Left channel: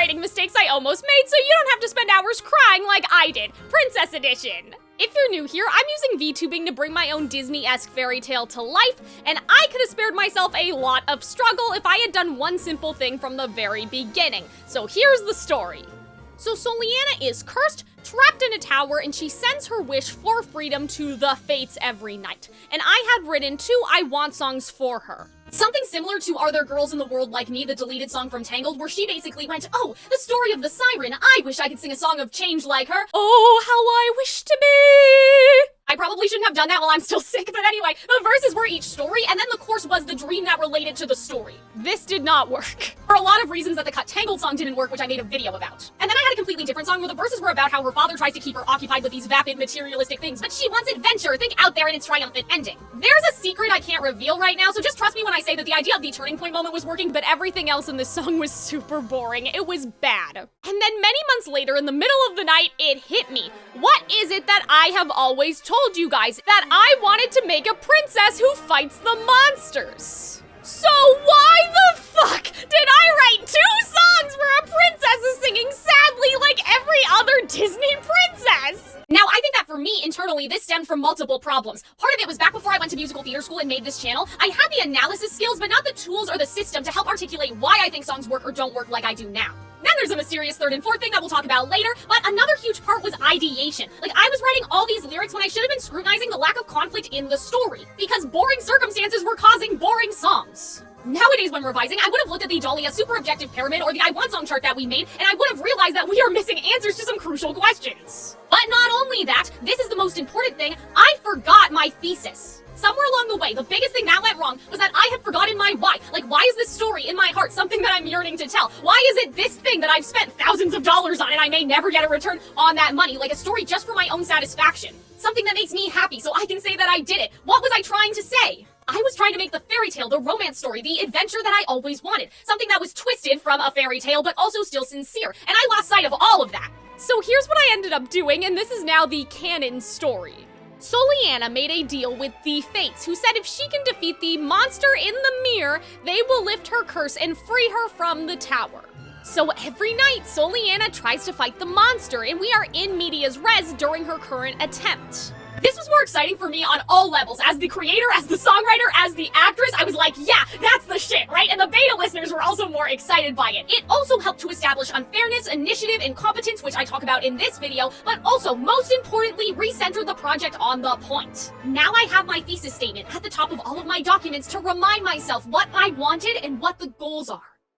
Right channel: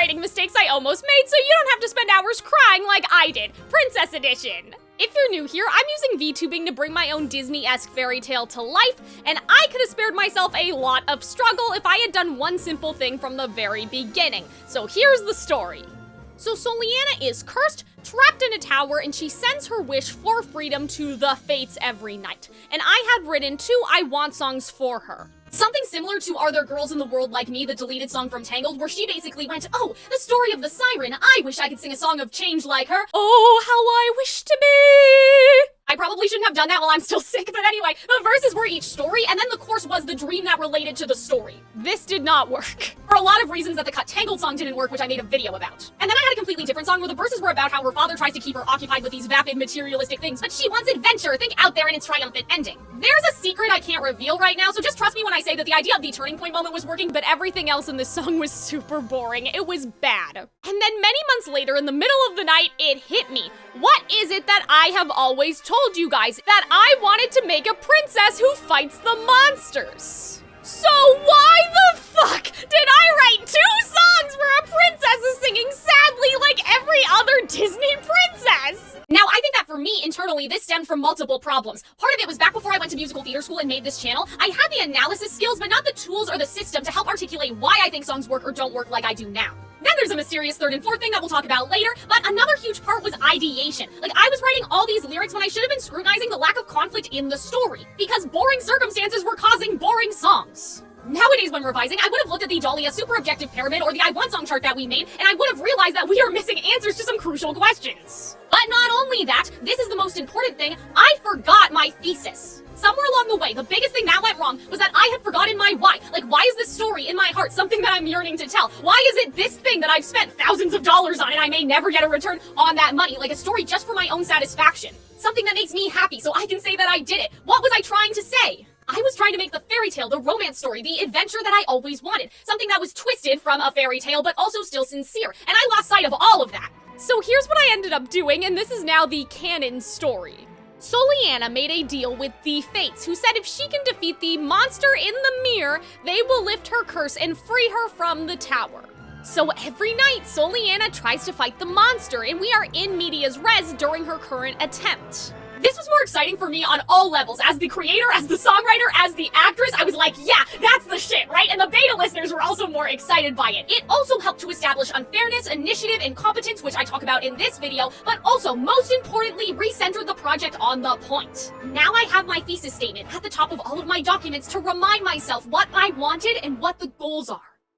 songwriting mistakes I almost made so you don't have to spend hours crying like I did. Princess Edition! If you're new here, I'm using VTubing to bring my own Disney-esque fairy tale to life, and I could have spared myself a lot of struggle if I had done one simple thing from the very beginning. So here's the story. So Soliana is cursed, trapped in a tower, and she sends her wish for freedom to the Fates every night. And I had written 2 I Want songs for her. Something similar to Are There Girls in the World Like Me, the deleted song from Tangled, where she basically went, oh, the story of the siren, I wish I could sing a song of change like her. Oh, how I wish to be. I probably shouldn't have done that while I'm still sick, but anyway, the verses were each story, and then the chorus was the dream that related to the story. This did not work. For a lot of reasons that the cut Tangled song didn't work, which I made a video about. And then I had a completely different song where the verses were about how her father tries to keep her occupied with these vapid materialistic things, but she wants adventure, think out there in its triumphant ending. There's a secret I can't reveal right now, so just trust me when I say that the idea of the turning point moment was working, but everything else in this song was super boring. It was bad. And then many months later, in the middle of the night, it hit me. What is it that I have always told you guys? That I wanted to make a princess who fights the monsters. So why the fuck did I write 2 songs where a princess is singing sadly like every other Disney princess? Now, I think that for me, internally, this stemmed from multiple problems. Part of it was back before I went to musical theater school and made this channel, I had the analysis skills, but not the tools or the system to help articulate why I think songs work or don't work like I do now. Then there's a mysterious 3rd and 4th thing that we'll talk about later, but another huge part was ideation. Like, I was writing all these lyrics when I should have been scrutinizing the lack of conflict in the story, because boring circumstances were causing boring songs. Nowadays, when revising, I would have looked at the Dahlia super objective pyramid or the I Want song chart that we made, and I would have realized that we are missing answers to some crucial questions. But not only that, this is the most important thing, I forgot my thesis. Somewhere along the way, the biggest thing that went wrong was that I had forgotten my why. Like, why is this story in my heart something that I'm yearning to tell? Why is it this thing that I've spent thousands of dollars on and I may never get a return on that money? Like a story just for my own satisfaction. Something that makes me happy so I can say that I did it. What was I trying to say? I was trying to make the fairy tale, the romance story, the adventure that I always wanted. Something that was twisted from a fairy tale, but also still sincere. And I lost sight of all of that. So here's what I ended up doing, and this is now the canon story. Soliana made a deal with the Fates, who said if she can defeat the monster in the mirror, they will lift her curse and free her from the tower. So every night, Soliana tries to fight the monster, and we are in medias res during her current attempt. This was more exciting for me on all levels. As the creator, as the songwriter, as the actress, I was like, yeah, that's the shit, right? And the beta listeners were also more excited by it. It also helped to establish unfairness, initiative, and competence, which I talk about in this video, but also, most importantly, recentered the project on the point. Now I have my thesis statement at the top of all of my documents to remind myself what I wanted and what the goals are.